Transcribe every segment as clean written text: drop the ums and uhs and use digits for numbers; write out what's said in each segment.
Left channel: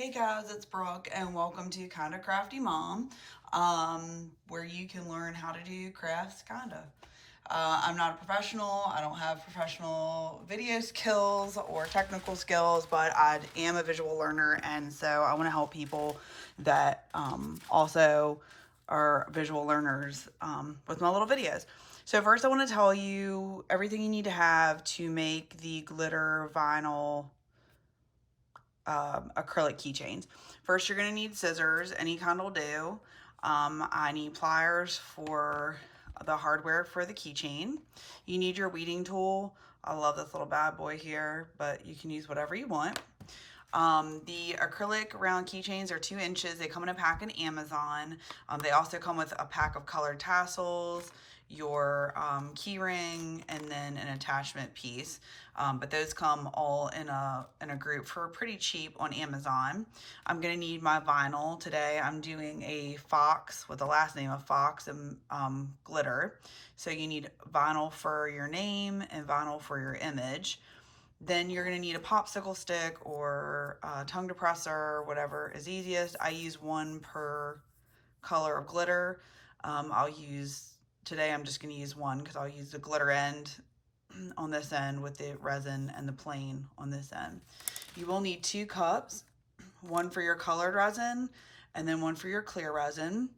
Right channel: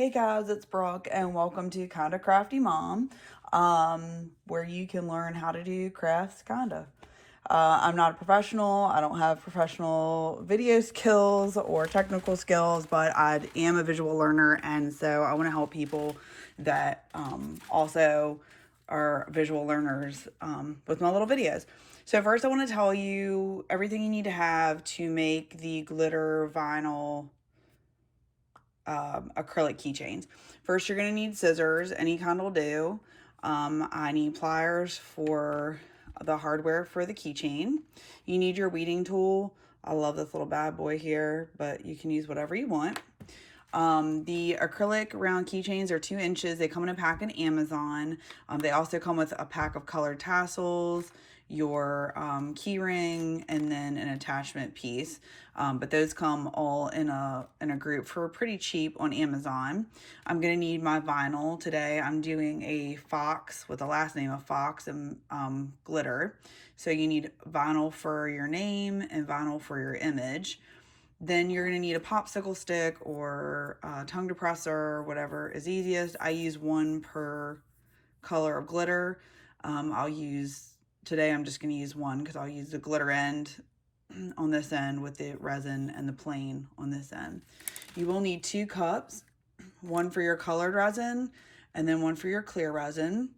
Hey guys, it's Brooke and welcome to Kinda Crafty Mom, where you can learn how to do crafts kinda. I'm not a professional. I don't have professional video skills or technical skills, but I am a visual learner, and so I want to help people that also are visual learners with my little videos. So first I want to tell you everything you need to have to make the glitter vinyl acrylic keychains. First, you're going to need scissors. Any kind will do. I need pliers for the hardware for the keychain. You need your weeding tool. I love this little bad boy here, but you can use whatever you want. The acrylic round keychains are 2 inches. They come in a pack in Amazon. They also come with a pack of colored tassels, your key ring, and then an attachment piece. But those come all in a group for pretty cheap on Amazon. I'm gonna need my vinyl today. I'm doing a fox with the last name of Fox and glitter. So you need vinyl for your name and vinyl for your image. Then you're going to need a popsicle stick or a tongue depressor, whatever is easiest. I use one per color of glitter. Today I'm just going to use one because I'll use the glitter end on this end with the resin and the plain on this end. You will need 2 cups, one for your colored resin and then one for your clear resin.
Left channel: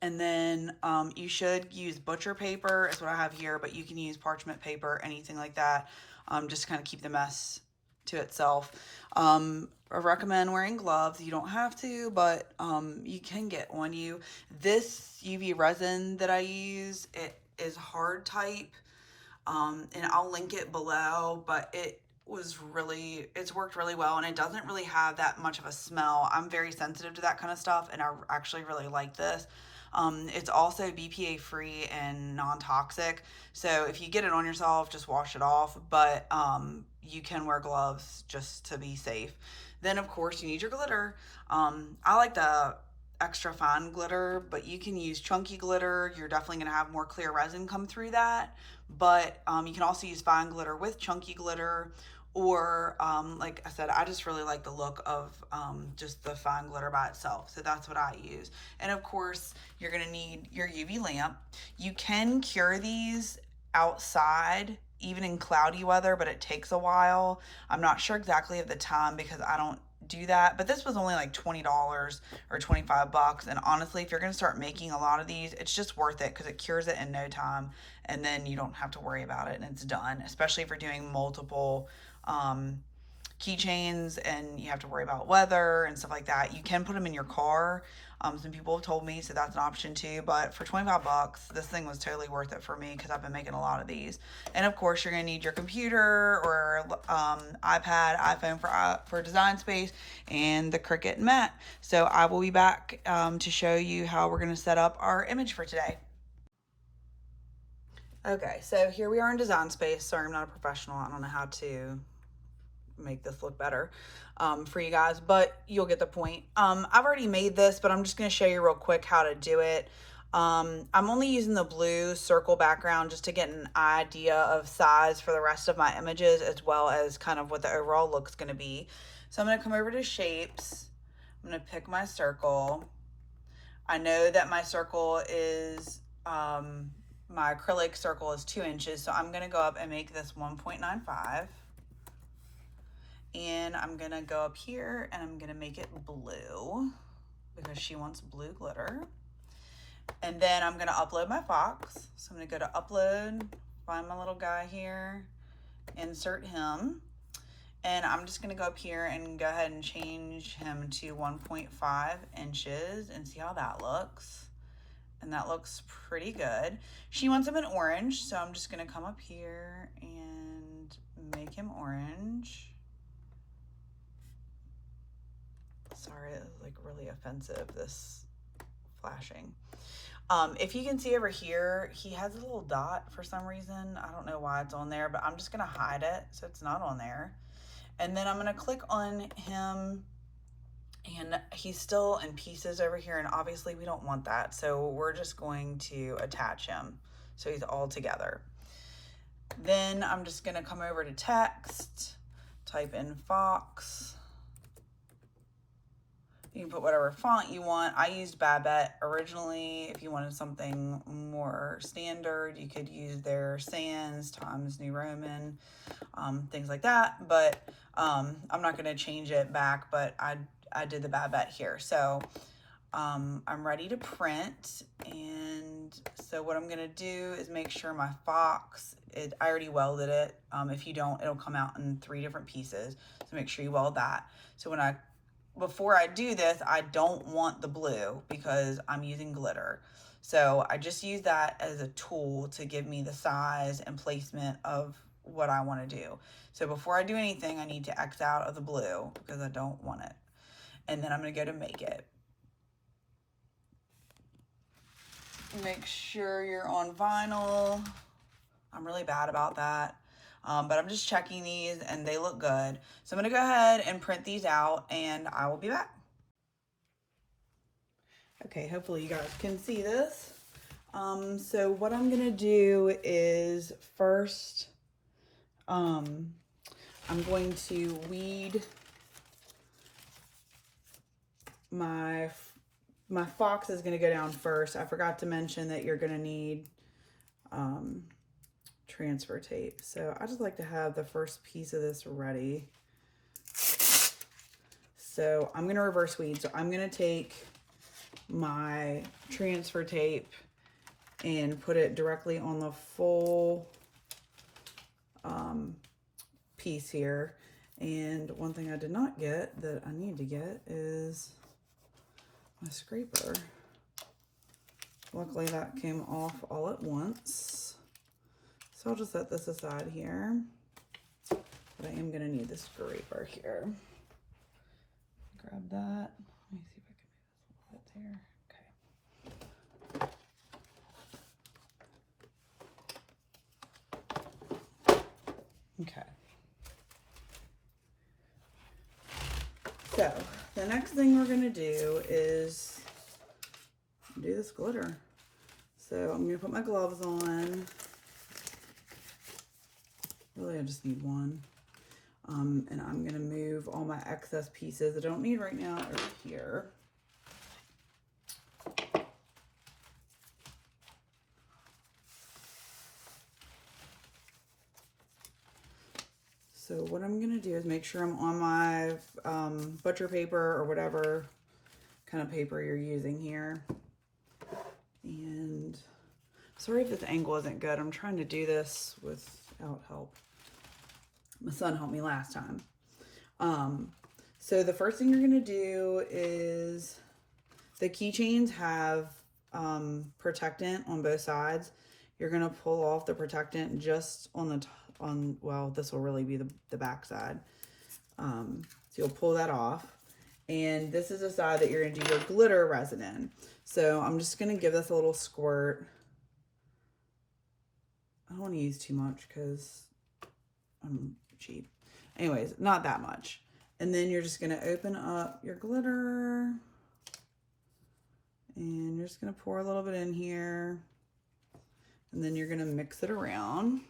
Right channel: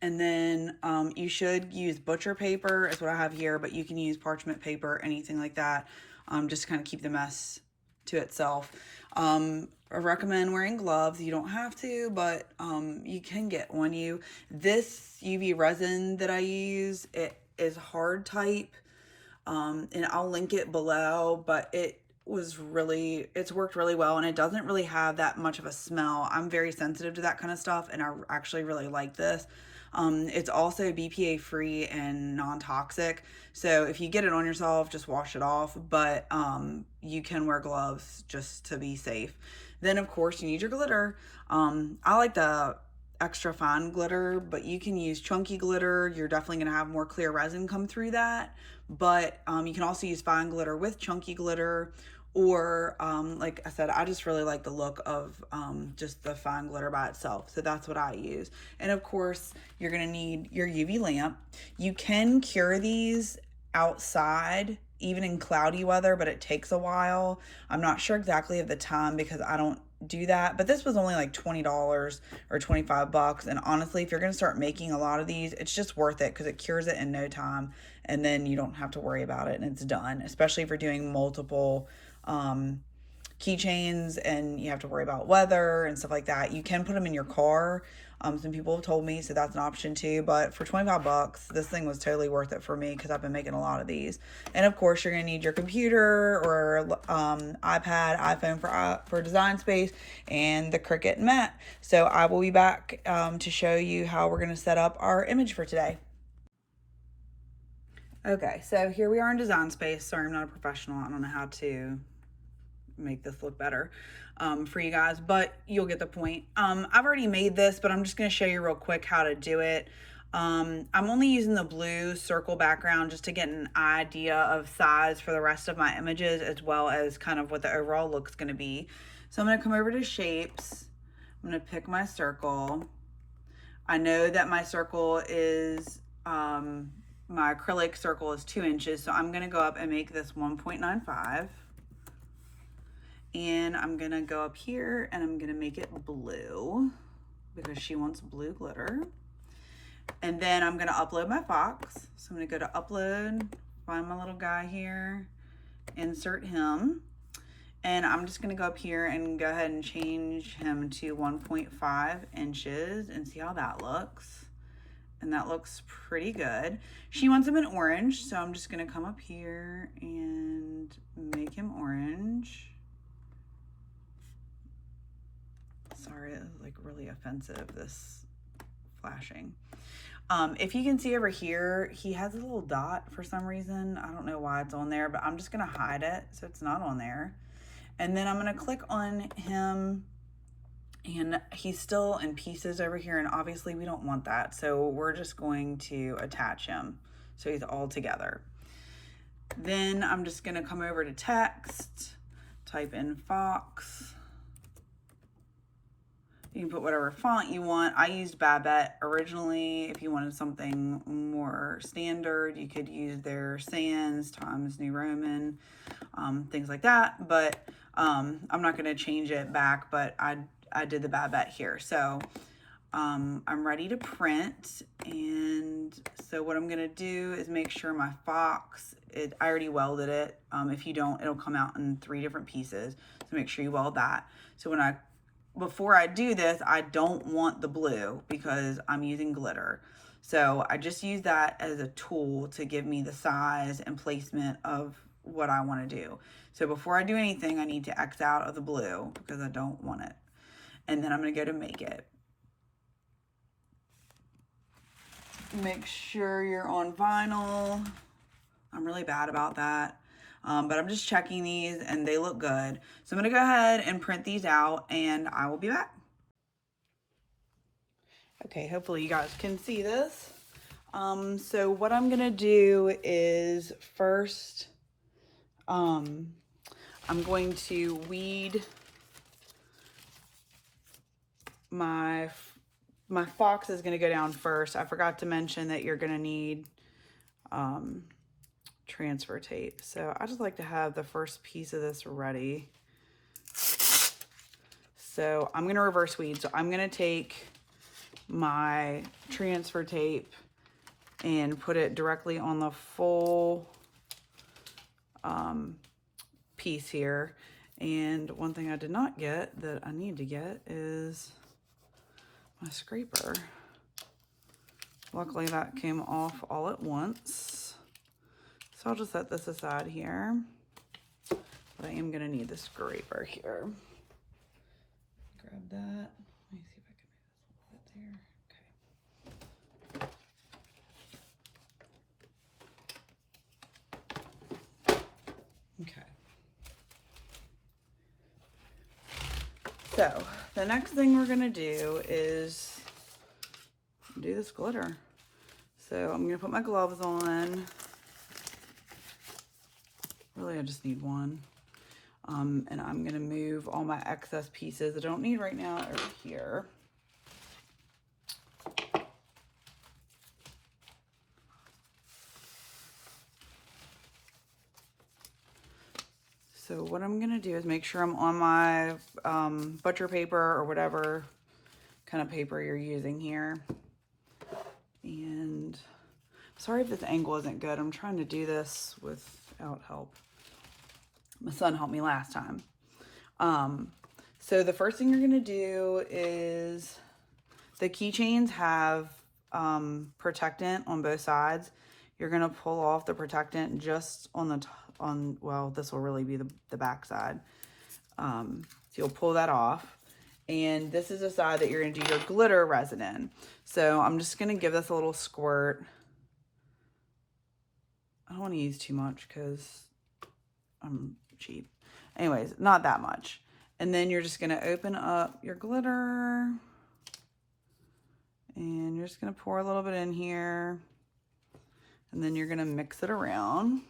And then you should use butcher paper is what I have here, but you can use parchment paper, anything like that, just to kind of keep the mess to itself. I recommend wearing gloves. You don't have to, but you can get on you. This UV resin that I use, it is hard type, and I'll link it below, but it's worked really well, and it doesn't really have that much of a smell. I'm very sensitive to that kind of stuff, and I actually really like this. It's also BPA free and non-toxic. So if you get it on yourself, just wash it off, but you can wear gloves just to be safe. Then of course you need your glitter. I like the extra fine glitter, but you can use chunky glitter. You're definitely gonna have more clear resin come through that, but you can also use fine glitter with chunky glitter, or like I said, I just really like the look of just the fine glitter by itself, so that's what I use. And of course you're gonna need your UV lamp. You can cure these outside even in cloudy weather, but it takes a while. I'm not sure exactly of the time because I don't do that, but this was only like $20 or 25 bucks, and honestly if you're going to start making a lot of these, it's just worth it because it cures it in no time, and then you don't have to worry about it and it's done, especially if you're doing multiple keychains and you have to worry about weather and stuff like that. You can put them in your car. Some people have told me, so that's an option too. But for 25 bucks, this thing was totally worth it for me because I've been making a lot of these. And of course, you're gonna need your computer or iPad, iPhone for design space, and the Cricut mat. So I will be back to show you how we're gonna set up our image for today. Okay, so here we are in design space. Sorry, I'm not a professional. I don't know how to make this look better for you guys, but you'll get the point. I've already made this, but I'm just going to show you real quick how to do it. I'm only using the blue circle background just to get an idea of size for the rest of my images, as well as kind of what the overall look's going to be. So I'm going to come over to shapes. I'm going to pick my circle. I know that my circle is my acrylic circle is 2 inches, so I'm going to go up and make this 1.95. And I'm gonna go up here and I'm gonna make it blue because she wants blue glitter. And then I'm gonna upload my fox. So I'm gonna go to upload, find my little guy here, insert him. And I'm just gonna go up here and go ahead and change him to 1.5 inches and see how that looks. And that looks pretty good. She wants him in orange, so I'm just gonna come up here and make him orange. Sorry, it was like really offensive, this flashing. If you can see over here, he has a little dot for some reason. I don't know why it's on there, but I'm just gonna hide it so it's not on there. And then I'm gonna click on him, and he's still in pieces over here, and obviously we don't want that. So we're just going to attach him so he's all together. Then I'm just gonna come over to text, type in Fox, You can put whatever font you want. I used Babette originally. If you wanted something more standard, you could use their Sans, Times New Roman, things like that. But I'm not going to change it back, but I did the Babette here. So I'm ready to print. And so what I'm going to do is make sure my Fox, I already welded it. If you don't, it'll come out in 3 different pieces. So make sure you weld that. So before I do this, I don't want the blue because I'm using glitter. So I just use that as a tool to give me the size and placement of what I want to do. So before I do anything, I need to X out of the blue because I don't want it. And then I'm going to go to make it. Make sure you're on vinyl. I'm really bad about that. But I'm just checking these and they look good. So I'm gonna go ahead and print these out and I will be back. Okay, hopefully you guys can see this. So what I'm gonna do is first, I'm going to weed my Fox is gonna go down first. I forgot to mention that you're gonna need, transfer tape. So I just like to have the first piece of this ready. So I'm going to reverse weed. So I'm going to take my transfer tape and put it directly on the full piece here. And one thing I did not get that I need to get is my scraper. Luckily that came off all at once. So I'll just set this aside here, but I am gonna need the scraper here. Grab that. Let me see if I can move this a little bit there. Okay. So the next thing we're gonna do is do this glitter. So I'm gonna put my gloves on. Really, I just need one. And I'm gonna move all my excess pieces I don't need right now over here. So what I'm gonna do is make sure I'm on my butcher paper or whatever kind of paper you're using here. And sorry if this angle isn't good. I'm trying to do this without help. My son helped me last time. So the first thing you're gonna do is the keychains have protectant on both sides. You're gonna pull off the protectant just on the well, this will really be the back side. So you'll pull that off. And this is the side that you're gonna do your glitter resin in. So I'm just gonna give this a little squirt. I don't wanna use too much because I'm cheap. Anyways, not that much. And then you're just gonna open up your glitter and you're just gonna pour a little bit in here and then you're gonna mix it around.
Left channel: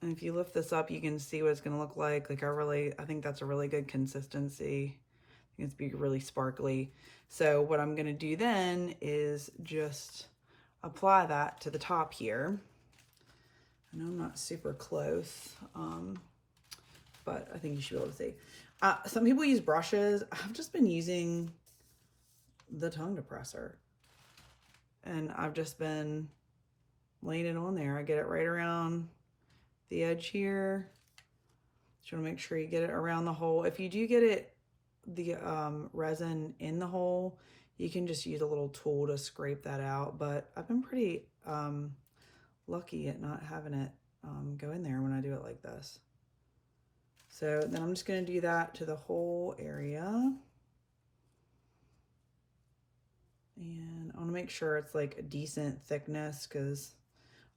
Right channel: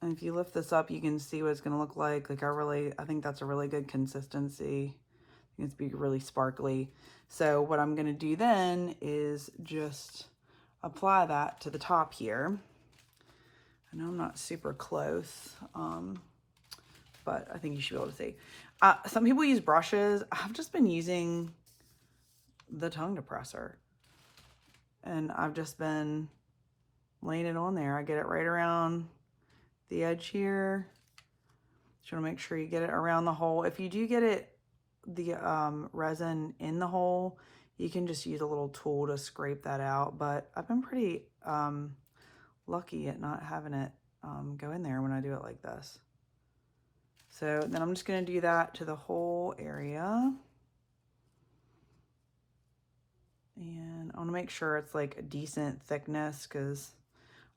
And if you lift this up, you can see what it's gonna look like. I think that's a really good consistency. It's be really sparkly. So what I'm gonna do then is just apply that to the top here. I know I'm not super close, but I think you should be able to see. Some people use brushes. I've just been using the tongue depressor. And I've just been laying it on there. I get it right around the edge here. Just want to make sure you get it around the hole. If you do get the resin in the hole, you can just use a little tool to scrape that out. But I've been pretty lucky at not having it go in there when I do it like this. So then I'm just going to do that to the whole area. And I want to make sure it's like a decent thickness because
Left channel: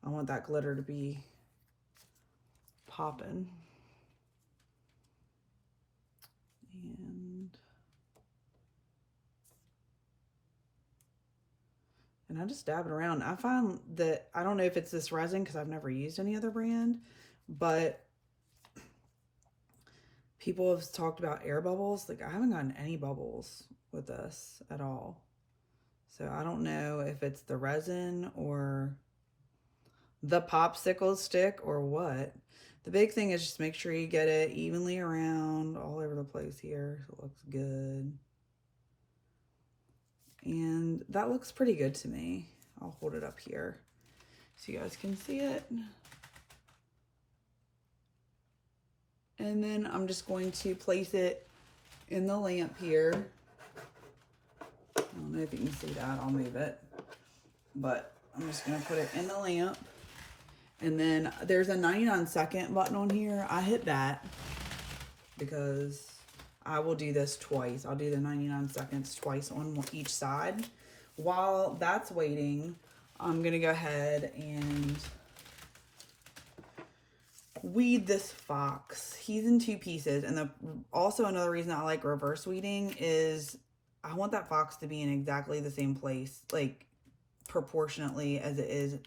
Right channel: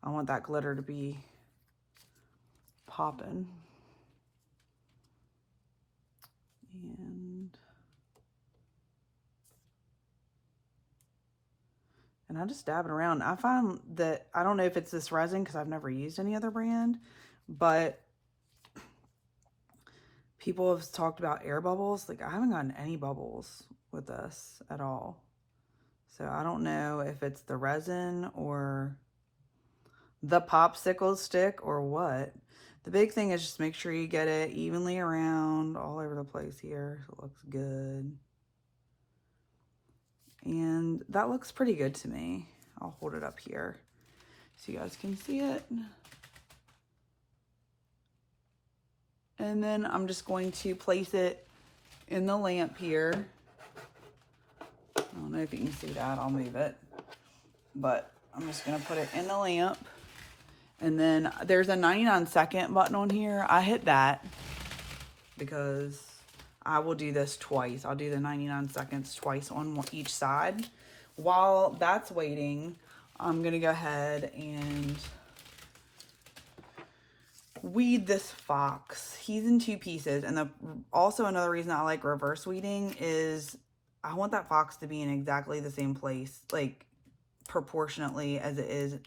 I want that glitter to be popping. And I just dab it around. I find that, I don't know if it's this resin because I've never used any other brand, but People have talked about air bubbles. Like, I haven't gotten any bubbles with this at all. So I don't know if it's the resin or the popsicle stick or what. The big thing is just make sure you get it evenly around all over the place here. So it looks good. And that looks pretty good to me. I'll hold it up here so you guys can see it. And then I'm just going to place it in the lamp here. I don't know if you can see that, I'll move it. But I'm just gonna put it in the lamp. And then there's a 99-second button on here. I hit that because I will do this twice. I'll do the 99 seconds twice on each side. While that's waiting, I'm gonna go ahead and weed this fox. He's in 2 pieces. And also another reason I like reverse weeding is I want that fox to be in exactly the same place, like proportionately as it is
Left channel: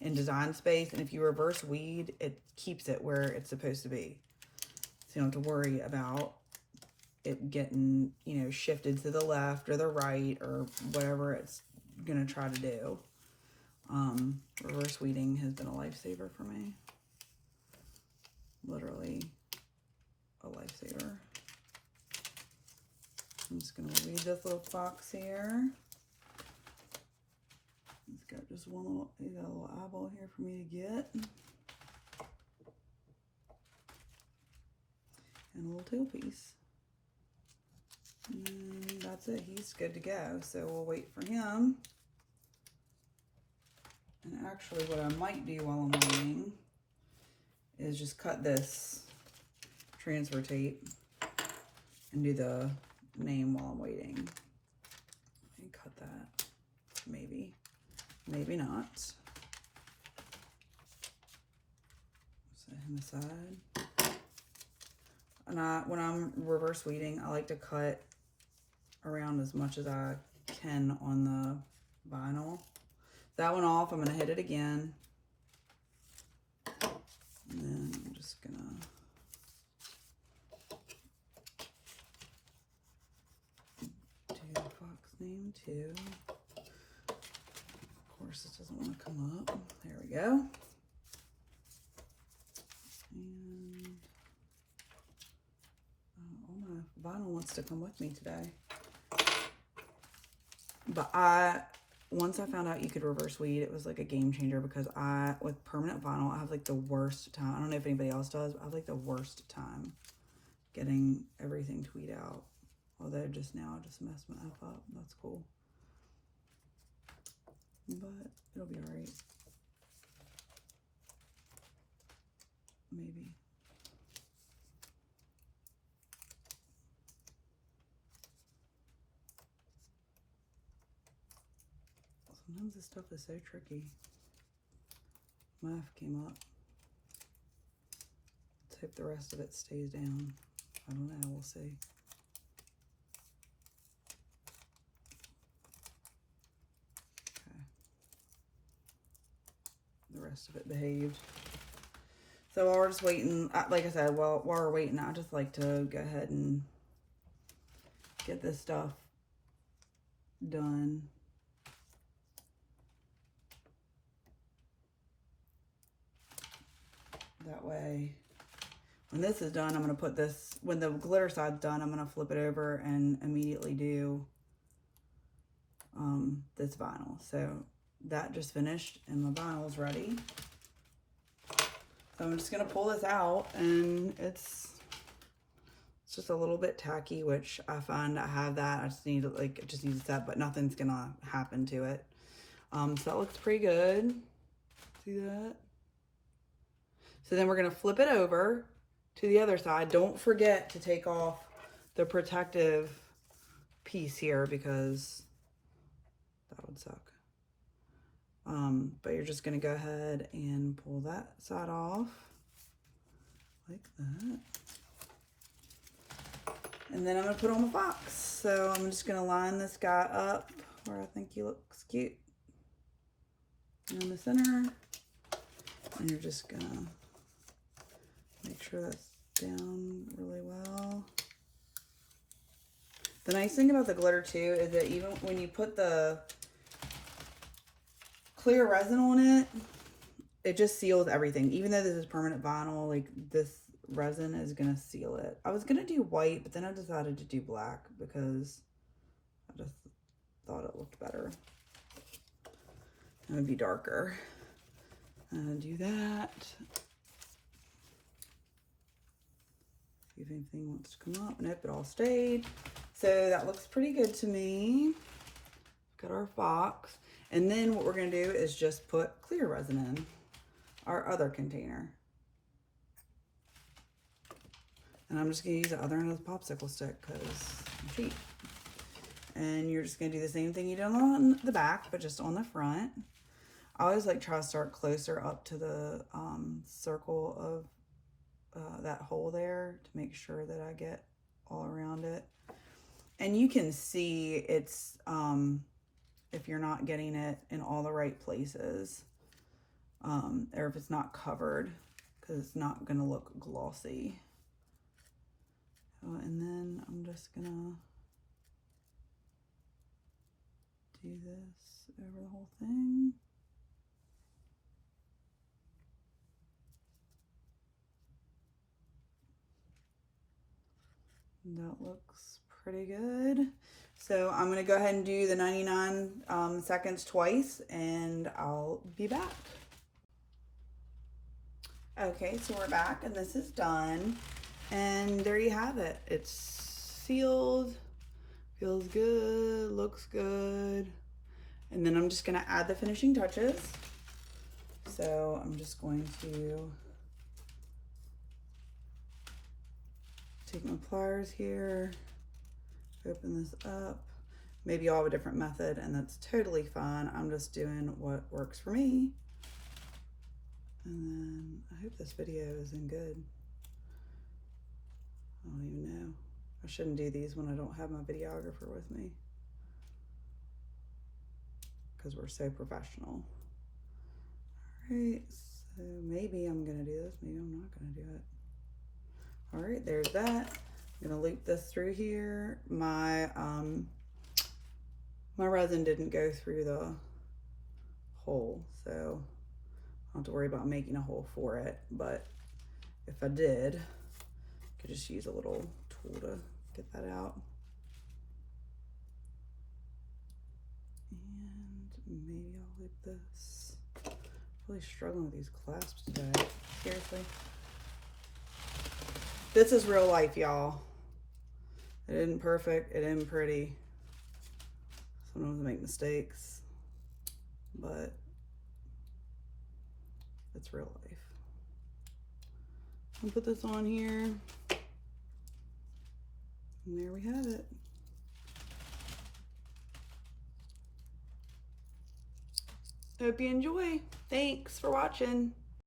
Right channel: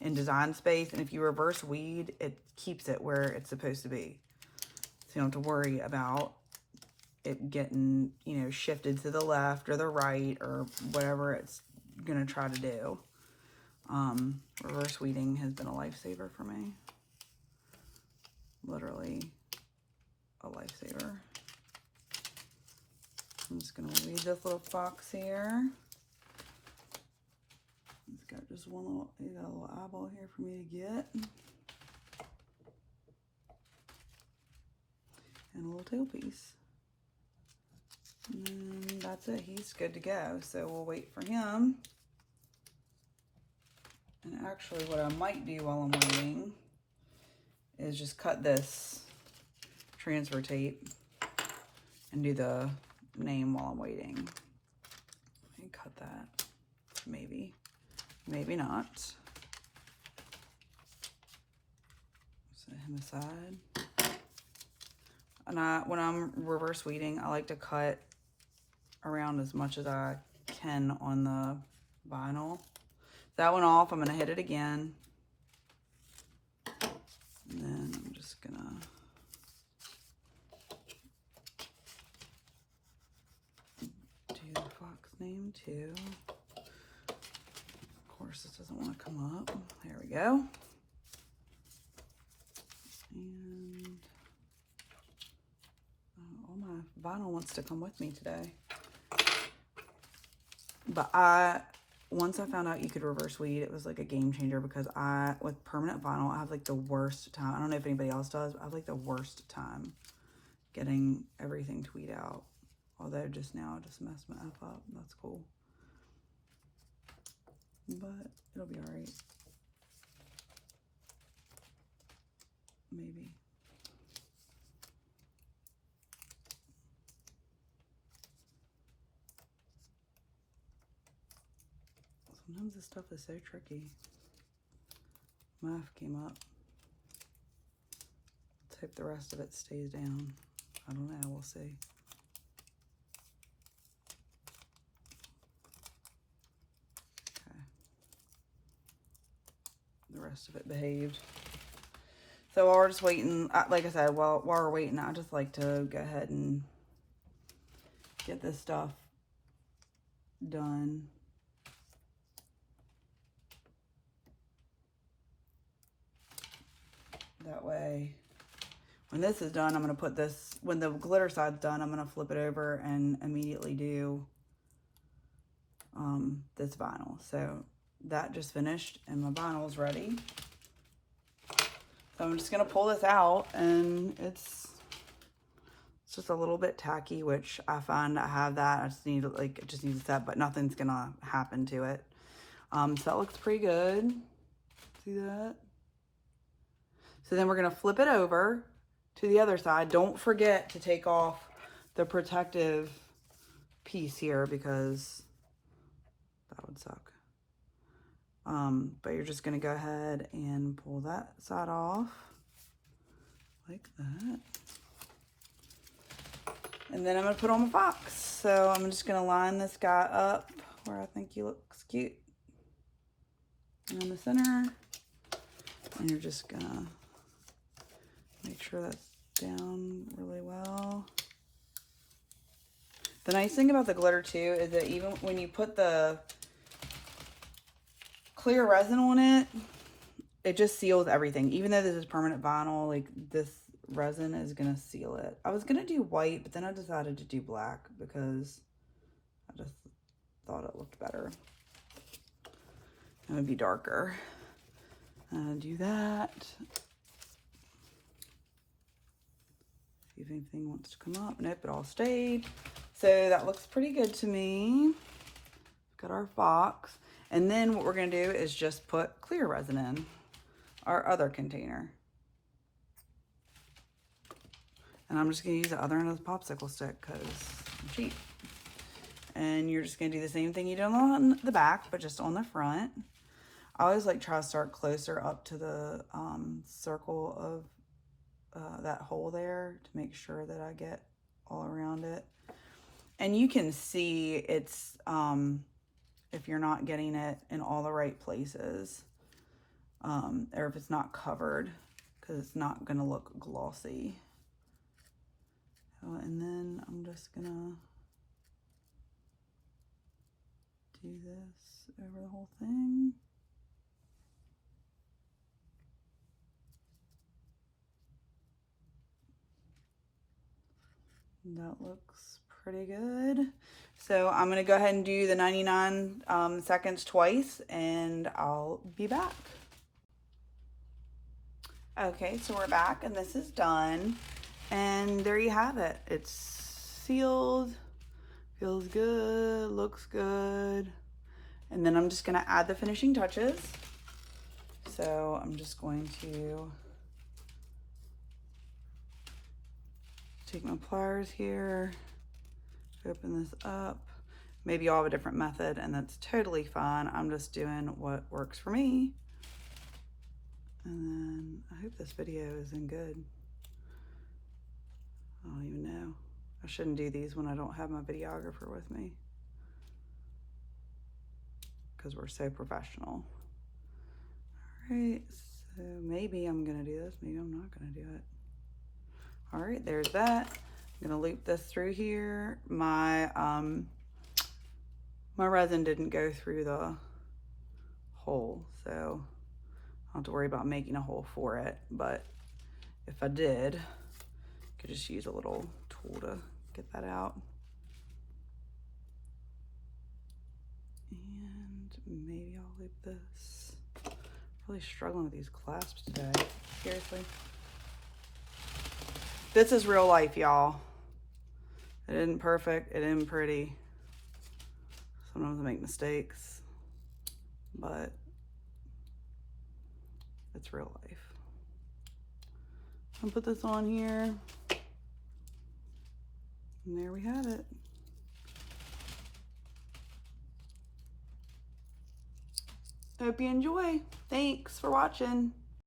in design space. And if you reverse weed, it keeps it where it's supposed to be. So you don't have to worry about it getting, you know, shifted to the left or the right or whatever it's gonna try to do. Reverse weeding has been a lifesaver for me. Literally a lifesaver. I'm just gonna weed this little fox here. It's got just one little, you got a little eyeball here for me to get. And a little tail piece. And that's it, he's good to go. So we'll wait for him. And actually what I might do while I'm waiting is just cut this transfer tape and do the name while I'm waiting. Let me cut that. Maybe. Maybe not. Set him aside. And when I'm reverse weeding, I like to cut around as much as I can on the vinyl. That one off, I'm gonna hit it again. And then I'm just gonna do the fox name too. Of course, this doesn't want to come up. There we go. And all my vinyl wants to come with me today. But once I found out you could reverse weed, it was like a game changer because with permanent vinyl, I have like the worst time. I don't know if anybody else does, but I have like the worst time getting everything to weed out. Although just now I just messed my F up. That's cool. But it'll be all right. Maybe. Sometimes this stuff is so tricky. My F came up. Let's hope the rest of it stays down. I don't know, we'll see. Okay. The rest of it behaved. So while we're just waiting, like I said, while we're waiting, I just like to go ahead and get this stuff done. That way, when this is done, I'm going to put this, when the glitter side's done, I'm going to flip it over and immediately do this vinyl. So that just finished and my vinyl is ready. So I'm just going to pull this out, and it's just a little bit tacky, which I find I have that. I just need like, it just needs a set, but nothing's going to happen to it. So that looks pretty good. See that? So then we're going to flip it over to the other side. Don't forget to take off the protective piece here because that would suck. But you're just going to go ahead and pull that side off like that. And then I'm going to put on my fox. So I'm just going to line this guy up where I think he looks cute. And in the center. And you're just going to make sure that's down really well. The nice thing about the glitter too is that even when you put the clear resin on it, it just seals everything. Even though this is permanent vinyl, like this resin is gonna seal it. I was gonna do white, but then I decided to do black because I just thought it looked better. It would be darker. Do that. See if anything wants to come up. Nope, it all stayed. So that looks pretty good to me. Got our box. And then what we're gonna do is just put clear resin in our other container. And I'm just gonna use the other end of the popsicle stick because I'm cheap. And you're just gonna do the same thing you did on the back, but just on the front. I always like try to start closer up to the circle of that hole there to make sure that I get all around it. And you can see it's, if you're not getting it in all the right places, or if it's not covered, because it's not gonna look glossy. And then I'm just gonna do this over the whole thing. That looks pretty good. So I'm gonna go ahead and do the 99 seconds twice, and I'll be back. Okay, so we're back and this is done. And there you have it. It's sealed, feels good, looks good. And then I'm just gonna add the finishing touches. So I'm just going to take my pliers here, open this up. Maybe you'll have a different method and that's totally fine. I'm just doing what works for me. And then I hope this video isn't good. I don't even know. I shouldn't do these when I don't have my videographer with me, because we're so professional. All right, so maybe I'm gonna do this, maybe I'm not gonna do it. All right, there's that. I'm gonna loop this through here. My my resin didn't go through the hole, so I don't have to worry about making a hole for it, but if I did, I could just use a little tool to get that out. And maybe I'll loop this. Really struggling with these clasps today, seriously. This is real life, y'all. It isn't perfect, it isn't pretty. Sometimes I make mistakes, but it's real life. I'll put this on here. And there we have it. Hope you enjoy. Thanks for watching.